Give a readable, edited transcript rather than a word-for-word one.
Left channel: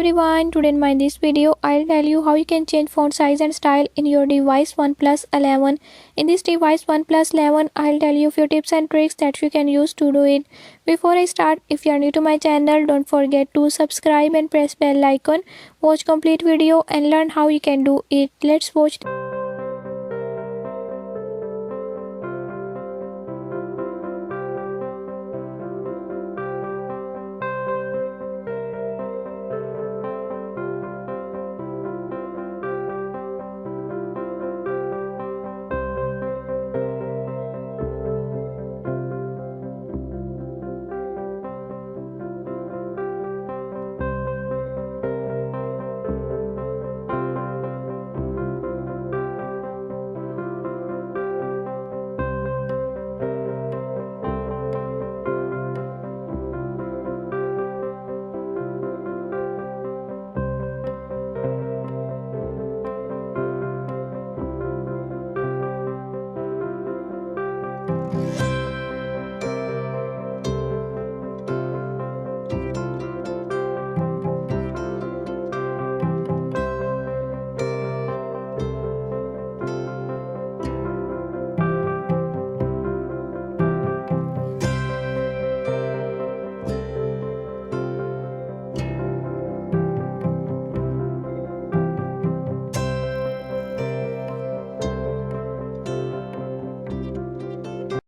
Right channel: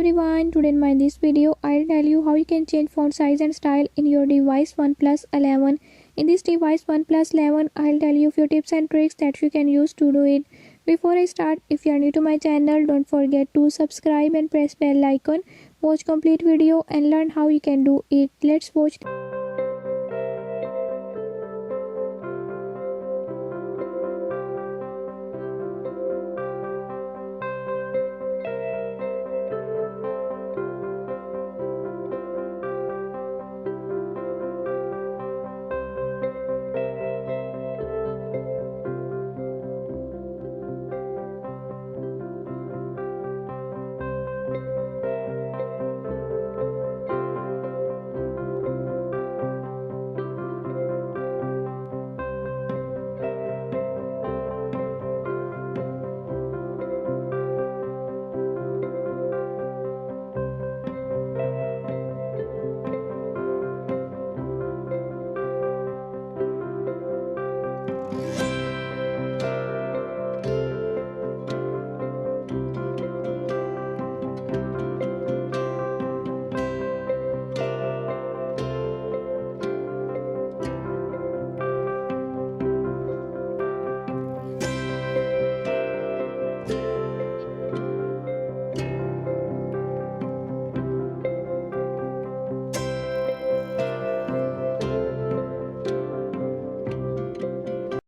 everyone, today in this video I'll tell you how you can change font size and style in your device OnePlus 11. In this device OnePlus 11, I'll tell you few tips and tricks that you can use to do it. Before I start, if you are new to my channel, don't forget to subscribe and press bell icon. Watch complete video and learn how you can do it. Let's watch.